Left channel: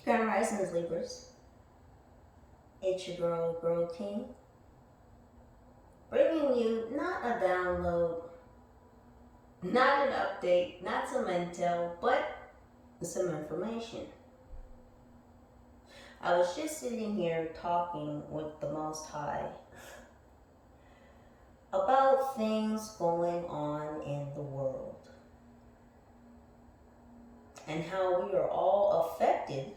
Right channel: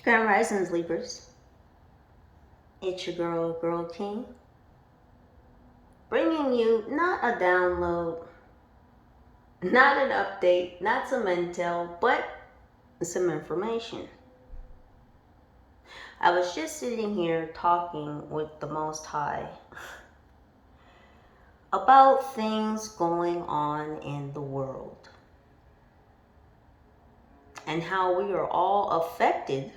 Grand Risings, Libras. It's your girl King, bringing you not a download, not an update, not some intel, but some information. I was just sitting here talking with the Most High about things going on in the world and how we are all affected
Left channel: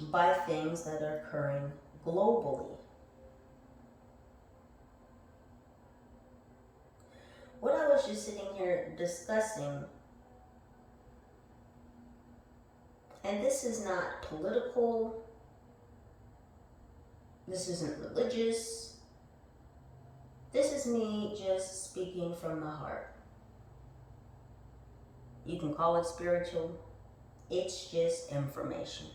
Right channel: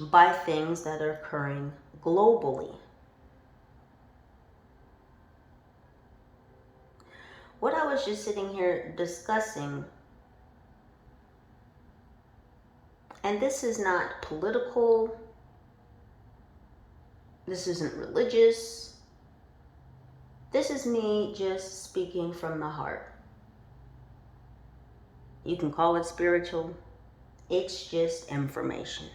by things that are occurring globally. What I was just sitting here discussing, and this is not political, this isn't religious, this is me just speaking from the heart. You can call it spiritual, it's just information.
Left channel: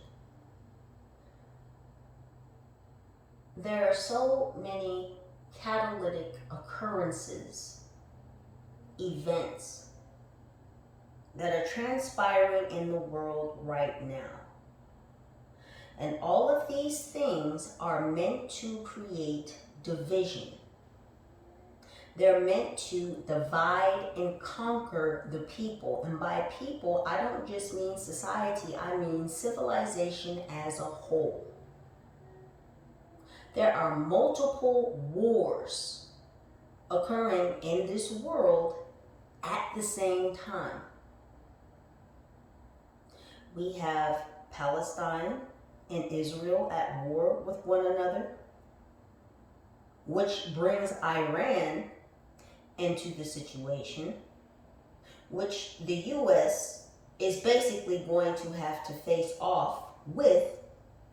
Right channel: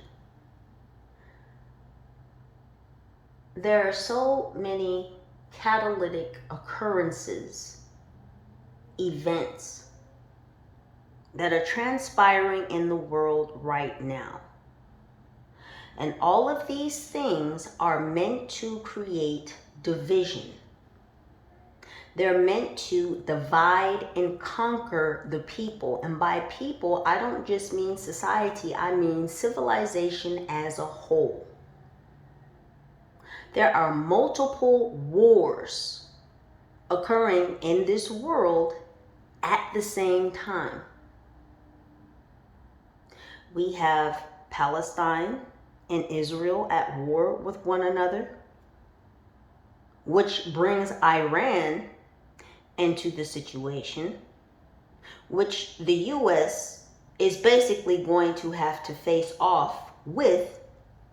There are so many catalytic occurrences, events that are transpiring in the world right now. And all of these things are meant to create division. They're meant to divide and conquer the people. And by people, I don't just mean society, I mean civilization as a whole. There are multiple wars occurring in this world at the same time. We have Palestine and Israel at war with one another, which brings Iran into the situation, which the U.S. is basically going to have to face off with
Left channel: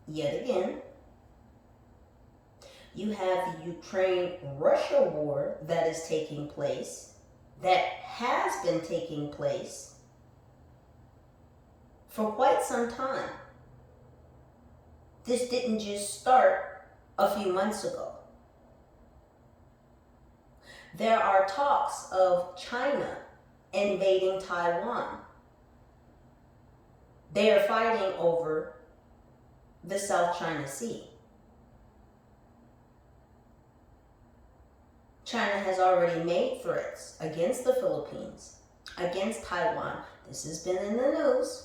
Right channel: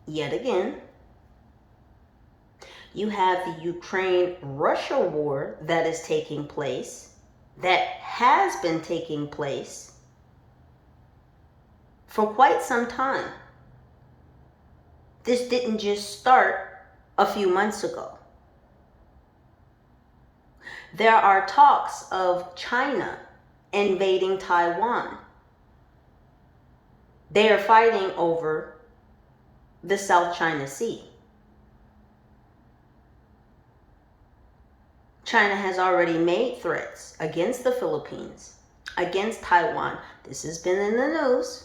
yet again. You have the Ukraine-Russia war that is taking place, that has been taking place for quite some time. This didn't just start a few months ago. There are talks of China invading Taiwan. They are fighting over the South China Sea. China has already made threats against the Philippines, against Taiwan. This has been in the news.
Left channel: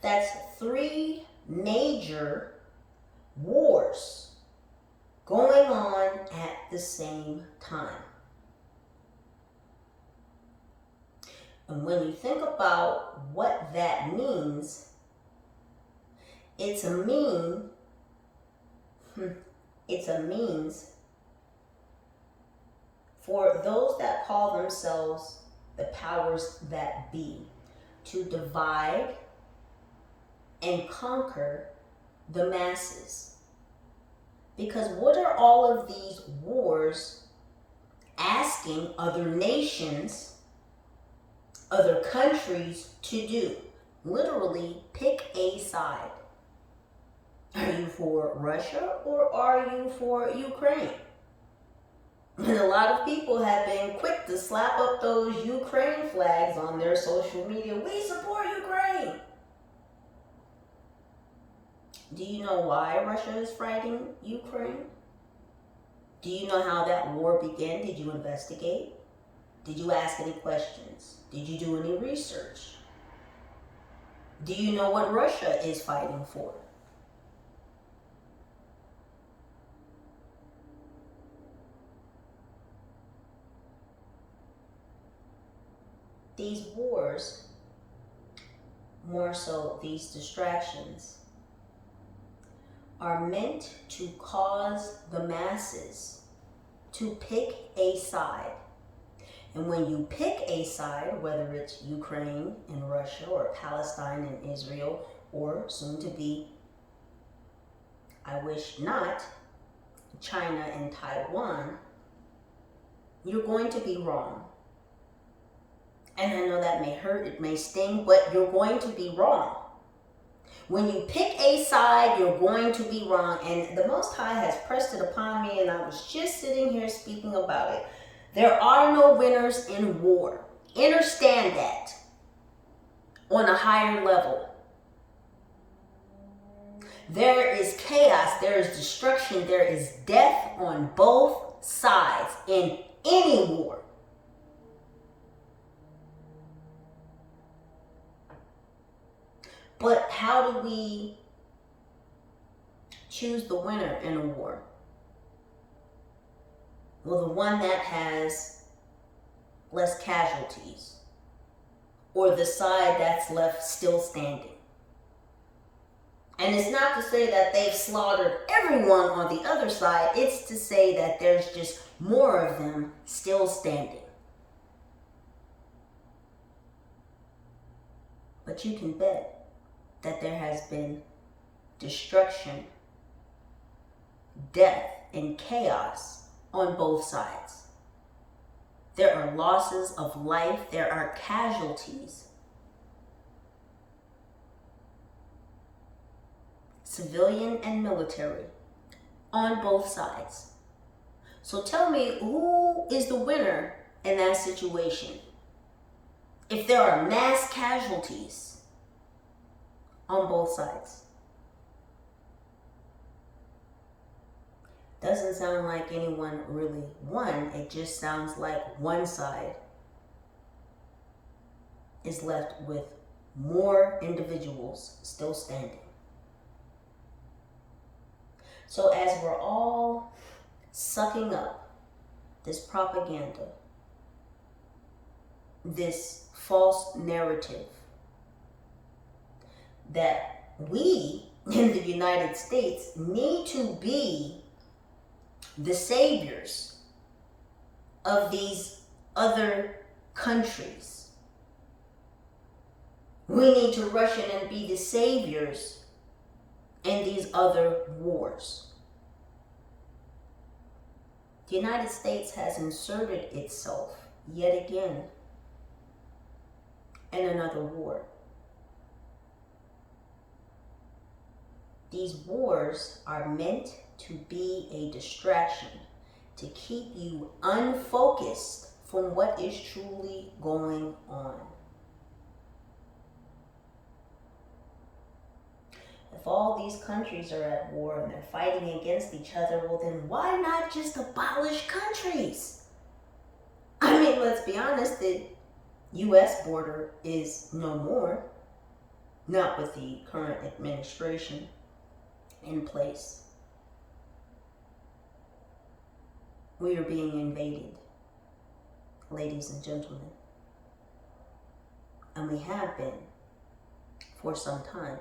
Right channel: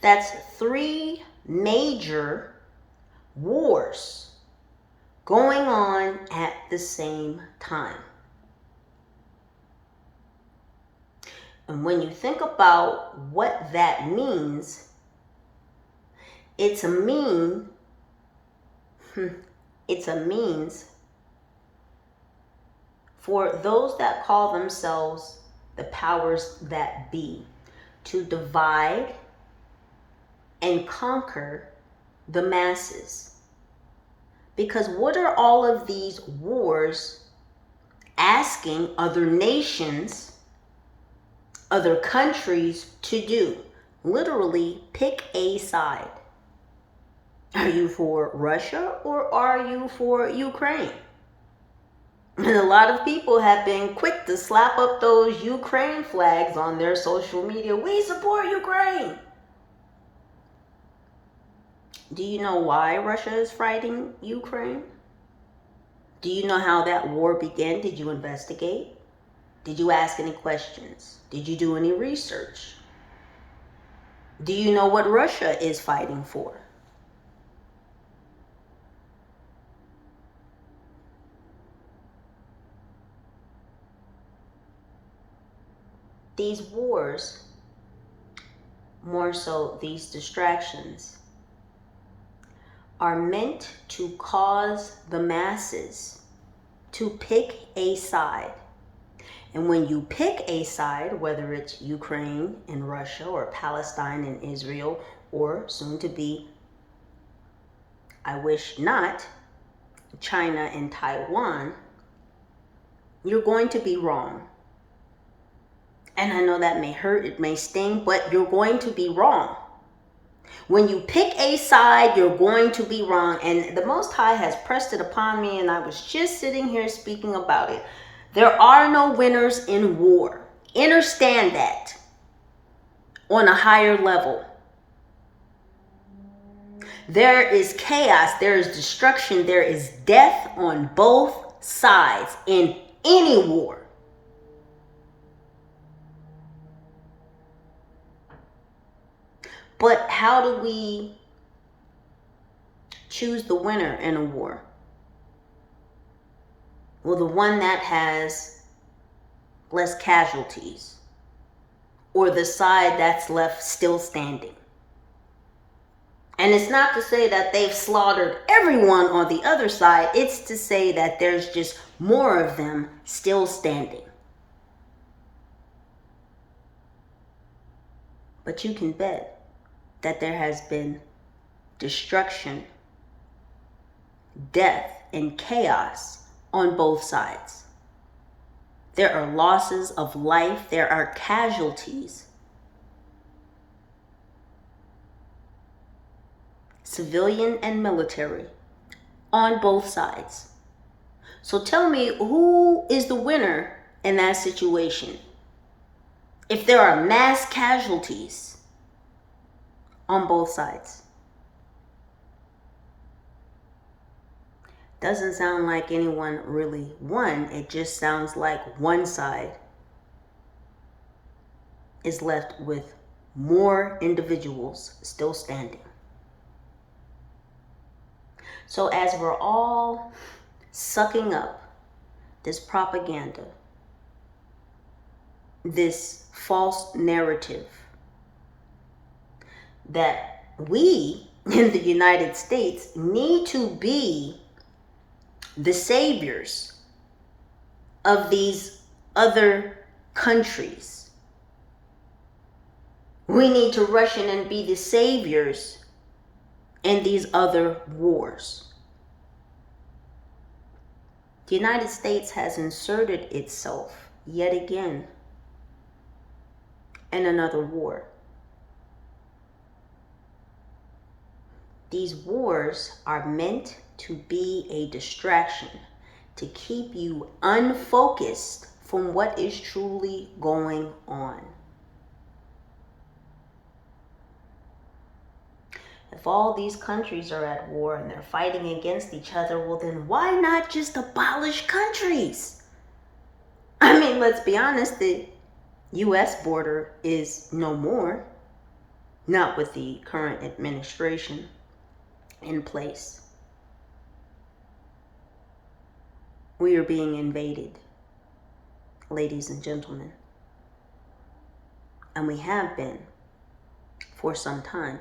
That's 3 major wars going on at the same time. And when you think about what that means, it's a means for those that call themselves the powers that be to divide and conquer the masses. Because what are all of these wars asking other nations, other countries to do? Literally, pick a side. Are you for Russia or are you for Ukraine? And a lot of people have been quick to slap up those Ukraine flags on their social media. We support Ukraine. Do you know why Russia is fighting Ukraine? Do you know how that war began? Did you investigate? Did you ask any questions? Did you do any research? Do you know what Russia is fighting for? These wars, more so these distractions, are meant to cause the masses to pick a side. And when you pick a side, whether it's Ukraine and Russia or Palestine and Israel, or soon to be, I wish not, China and Taiwan, you're going to be wrong. And I know that may hurt, it may sting, but you're going to be wrong. When you pick a side, you're going to be wrong. And the Most High has pressed it upon me, and I was just sitting here speaking about it. There are no winners in war. Understand that on a higher level. There is chaos, there is destruction, there is death on both sides in any war. But how do we choose the winner in a war? Well, the one that has less casualties, or the side that's left still standing. And it's not to say that they've slaughtered everyone on the other side. It's to say that there's just more of them still standing. But you can bet that there has been destruction, death, and chaos on both sides. There are losses of life. There are casualties. Civilian and military on both sides. So tell me, who is the winner in that situation? If there are mass casualties on both sides. Doesn't sound like anyone really won. It just sounds like one side is left with more individuals still standing. So as we're all sucking up this propaganda, this false narrative that we in the United States need to be the saviors of these other countries. We need to rush in and be the saviors in these other wars. The United States has inserted itself yet again in another war. These wars are meant to be a distraction, to keep you unfocused from what is truly going on. If all these countries are at war and they're fighting against each other, well then why not just abolish countries? I mean, let's be honest, the US border is no more, not with the current administration in place. We are being invaded, ladies and gentlemen. And we have been for some time.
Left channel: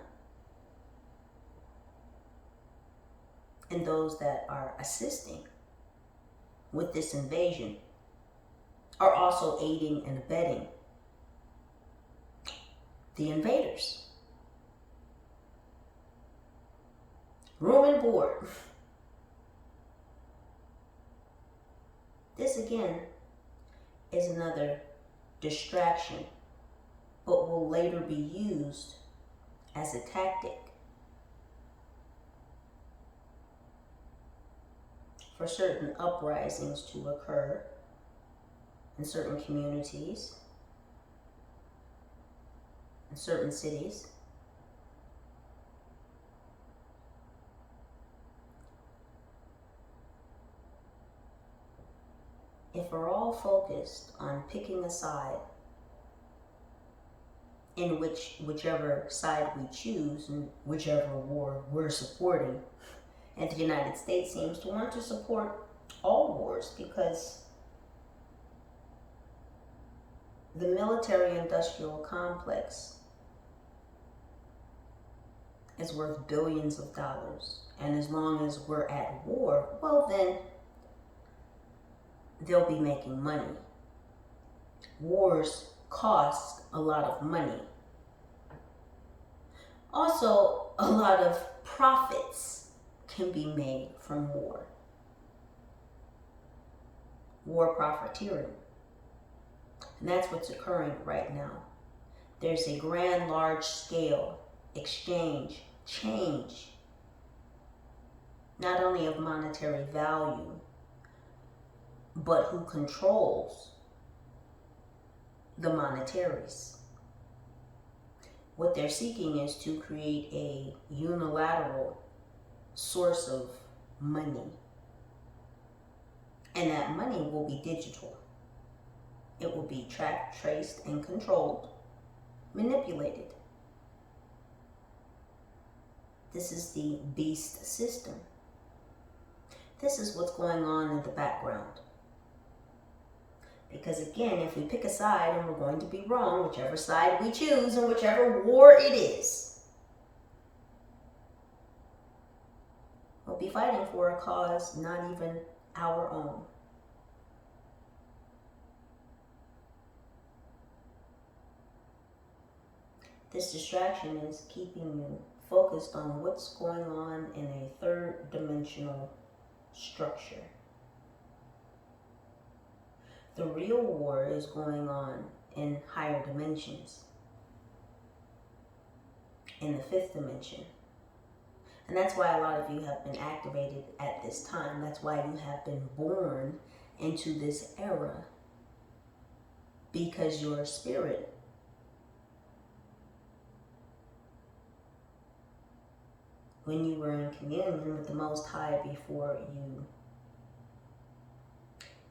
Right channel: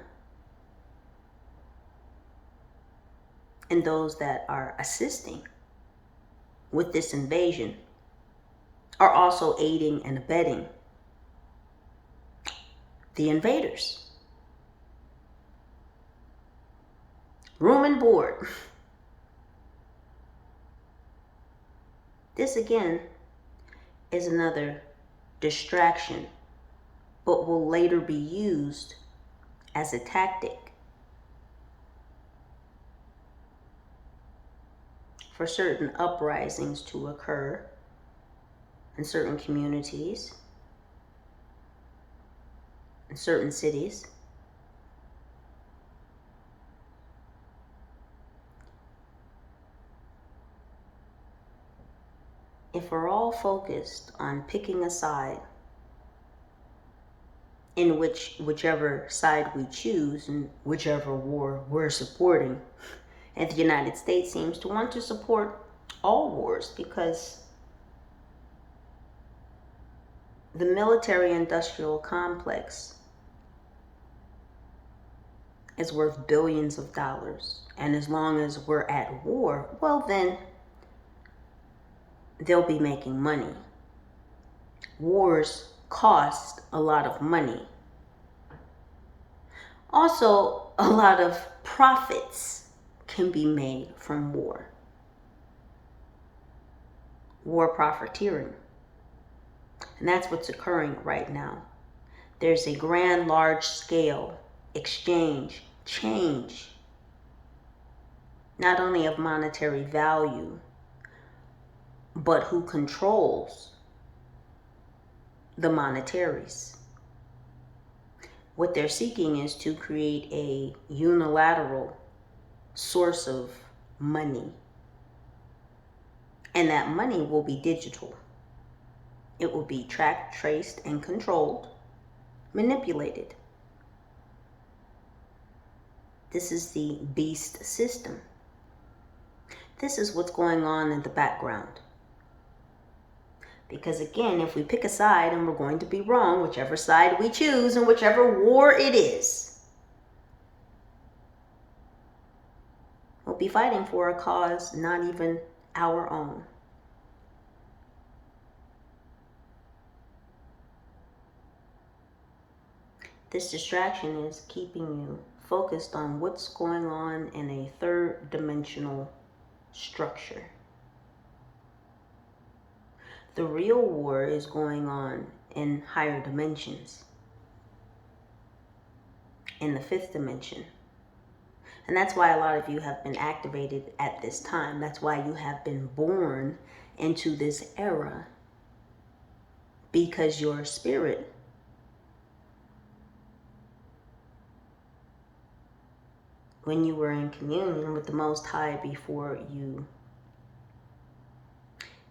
And those that are assisting with this invasion are also aiding and abetting the invaders. Room and board. This again is another distraction, but will later be used as a tactic for certain uprisings to occur in certain communities, in certain cities. If we're all focused on picking a side, in whichever side we choose and whichever war we're supporting, and the United States seems to want to support all wars because the military-industrial complex is worth billions of dollars. And as long as we're at war, well then, they'll be making money. Wars cost a lot of money. Also, a lot of profits can be made from war. War profiteering. And that's what's occurring right now. There's a grand, large scale exchange, change, not only of monetary value, but who controls the monetaries. What they're seeking is to create a unilateral source of money. And that money will be digital. It will be tracked, traced, and controlled, manipulated. This is the beast system. This is what's going on in the background. Because again, if we pick a side and we're going to be wrong, whichever side we choose and whichever war it is, we'll be fighting for a cause not even our own. This distraction is keeping you focused on what's going on in a third dimensional structure. The real war is going on in higher dimensions, in the fifth dimension. And that's why a lot of you have been activated at this time. That's why you have been born into this era, because your spirit when you were in communion with the Most High before you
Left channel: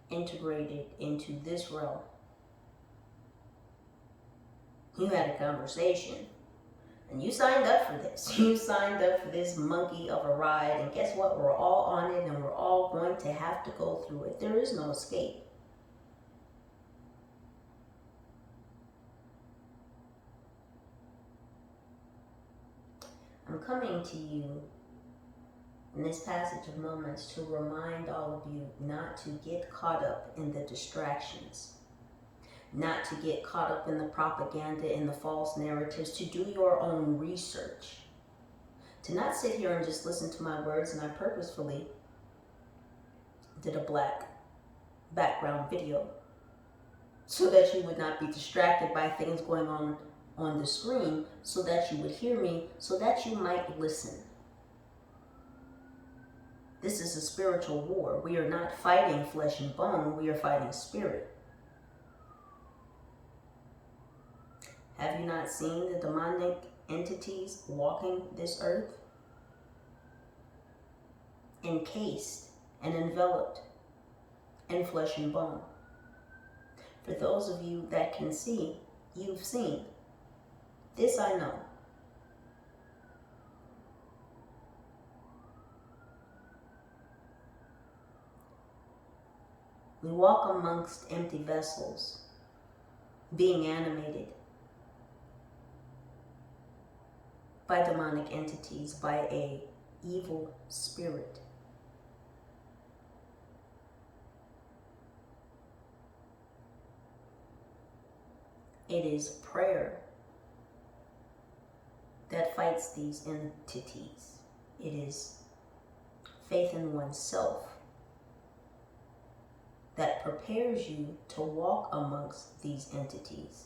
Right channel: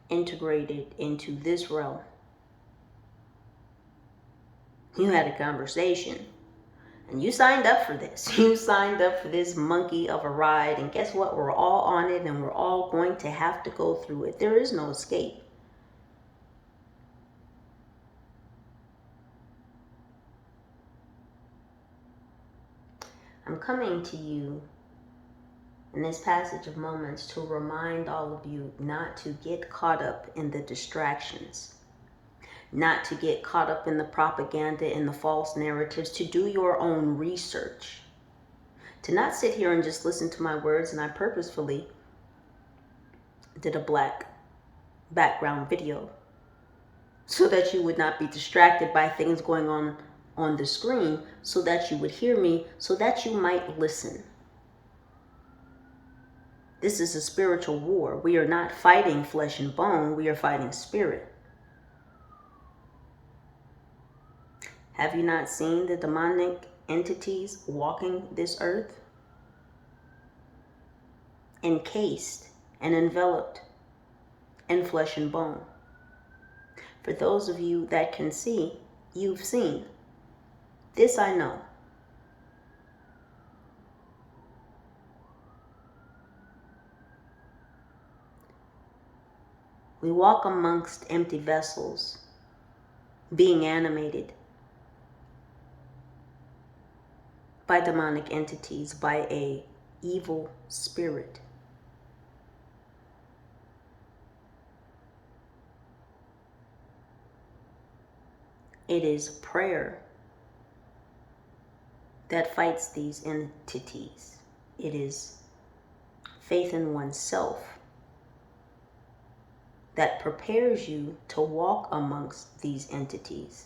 integrated into this realm, you had a conversation and you signed up for this. You signed up for this monkey of a ride, and guess what? We're all on it and we're all going to have to go through it. There is no escape. I'm coming to you in this passage of moments to remind all of you not to get caught up in the distractions, not to get caught up in the propaganda and the false narratives, to do your own research, to not sit here and just listen to my words. And I purposefully did a black background video so that you would not be distracted by things going on the screen, so that you would hear me, so that you might listen. This is a spiritual war. We are not fighting flesh and bone. We are fighting spirit. Have you not seen the demonic entities walking this earth? Encased and enveloped in flesh and bone. For those of you that can see, you've seen. This I know. We walk amongst empty vessels, being animated by demonic entities, by a evil spirit. It is prayer that fights these entities. It is faith in oneself that prepares you to walk amongst these entities.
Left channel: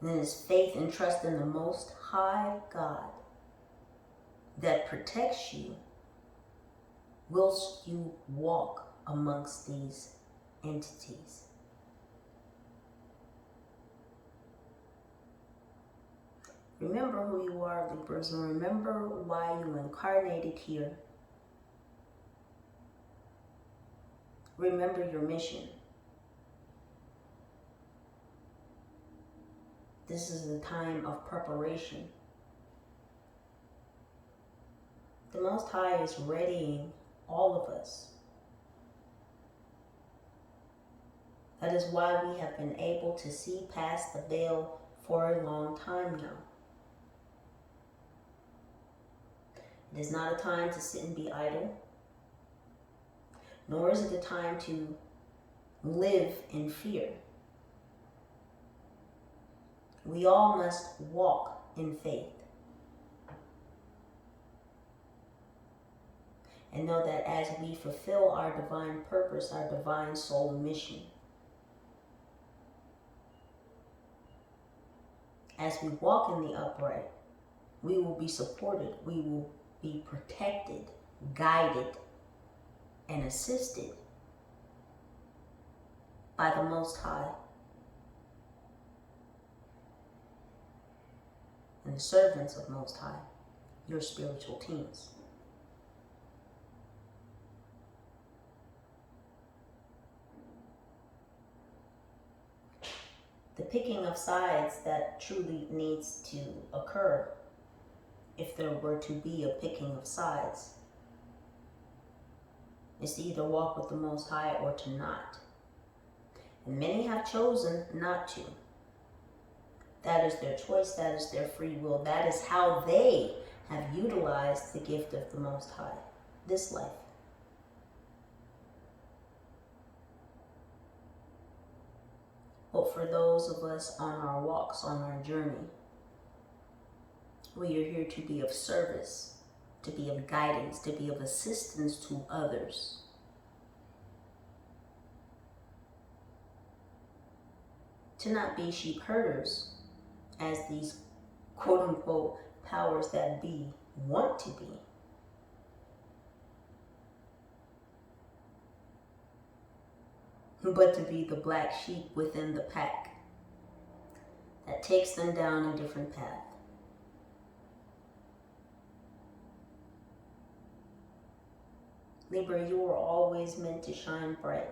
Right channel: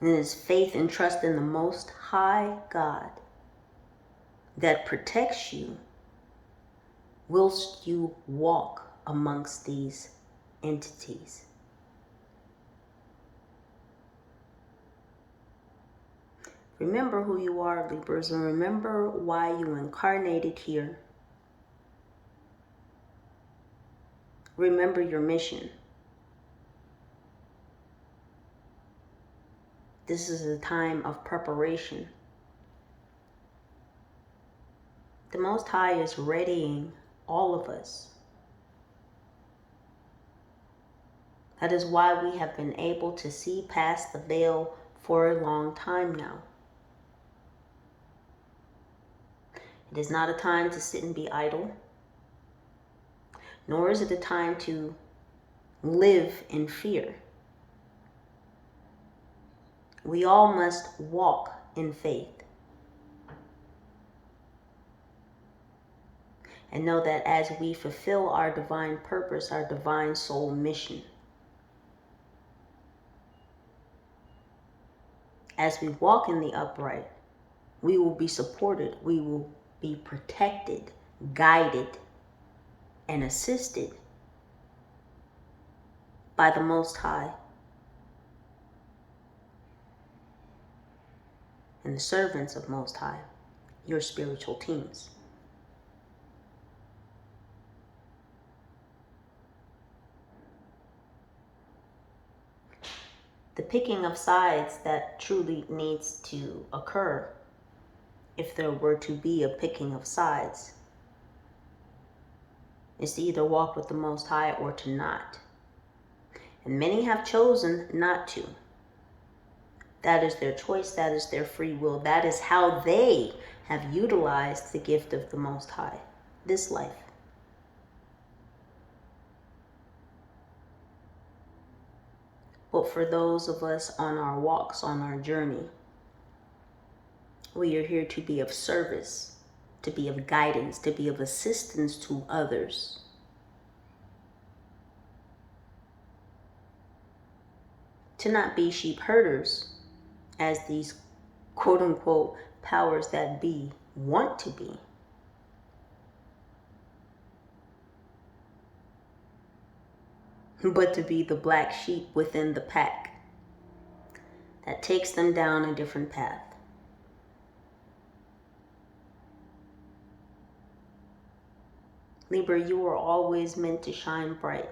And it is faith and trust in the Most High God that protects you whilst you walk amongst these entities. Remember who you are, Libras, and remember why you incarnated here. Remember your mission. This is a time of preparation. The Most High is readying all of us. That is why we have been able to see past the veil for a long time now. It is not a time to sit and be idle, nor is it a time to live in fear. We all must walk in faith and know that as we fulfill our divine purpose, our divine soul mission, as we walk in the upright, we will be supported, we will be protected, guided, and assisted by the Most High. and the servants of Most High, your spiritual teams. The picking of sides that truly needs to occur, if there were to be a picking of sides, is to either walk with the Most High or to not. And many have chosen not to. That is their choice. That is their free will. That is how they have utilized the gift of the Most High, this life. But for those of us on our walks, on our journey, we are here to be of service, to be of guidance, to be of assistance to others. To not be sheep herders, as these quote-unquote powers that be want to be. But to be the black sheep within the pack that takes them down a different path. Libra, you were always meant to shine bright.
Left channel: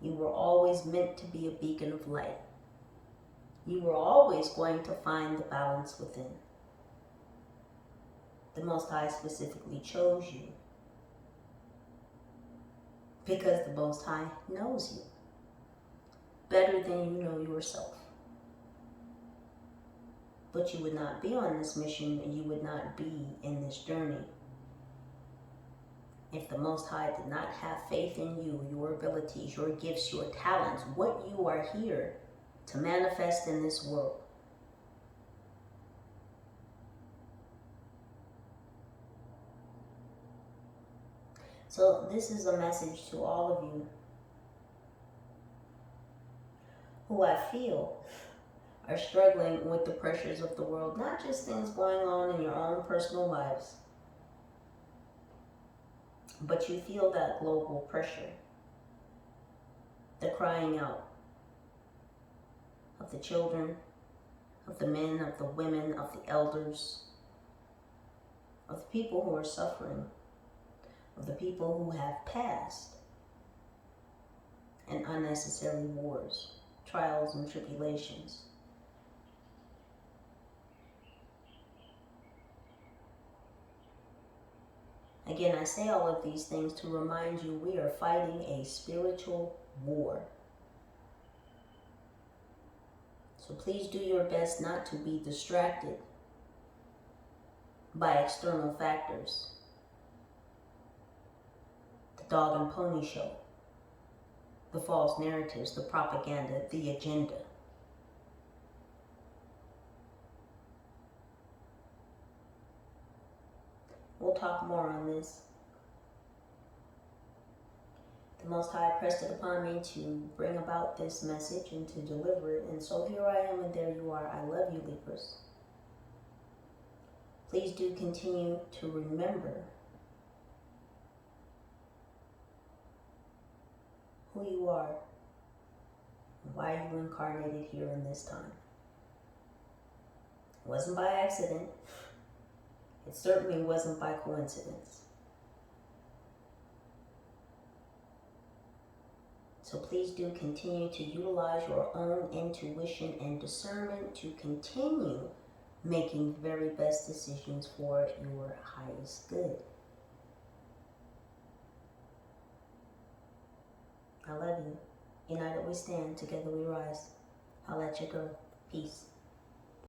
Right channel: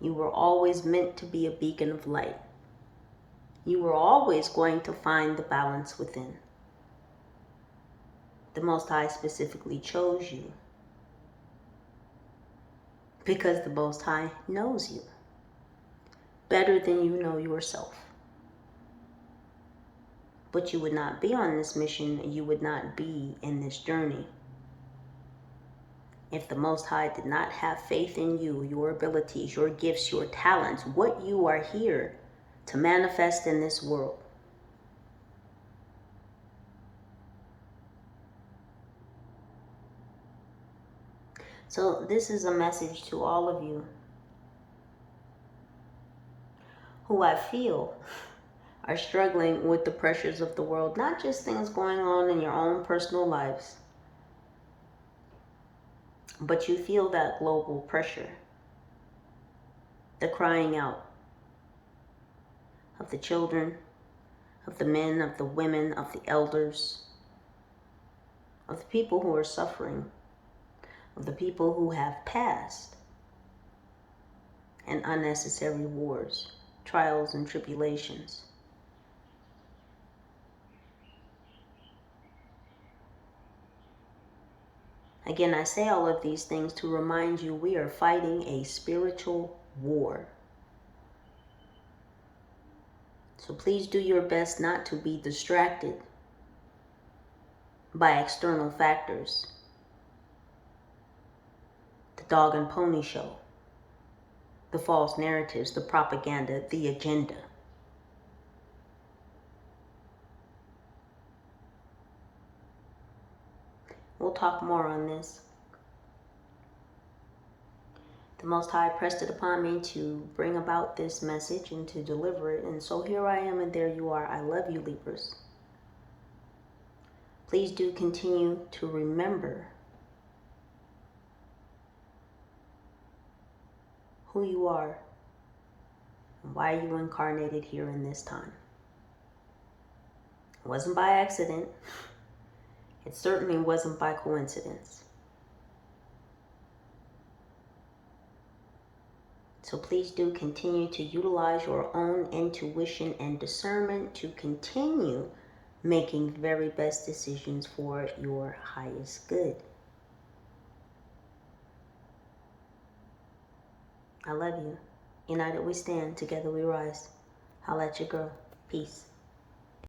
You were always meant to be a beacon of light. You were always going to find the balance within. The Most High specifically chose you because the Most High knows you better than you know yourself. But you would not be on this mission, you would not be in this journey if the Most High did not have faith in you, your abilities, your gifts, your talents, what you are here to manifest in this world. So this is a message to all of you who I feel are struggling with the pressures of the world, not just things going on in your own personal lives, but you feel that global pressure, the crying out of the children, of the men, of the women, of the elders, of the people who are suffering, of the people who have passed, and unnecessary wars, trials, and tribulations. Again, I say all of these things to remind you we are fighting a spiritual war. So please do your best not to be distracted by external factors. The dog and pony show, the false narratives, the propaganda, the agenda. We'll talk more on this. The Most High pressed it upon me to bring about this message and to deliver it. And so here I am and there you are. I love you, Libras. Please do continue to remember who you are and why you incarnated here in this time. It wasn't by accident. It certainly wasn't by coincidence. So please do continue to utilize your own intuition and discernment to continue making the very best decisions for your highest good. I love you. United we stand, together we rise. Holla at your girl. Peace.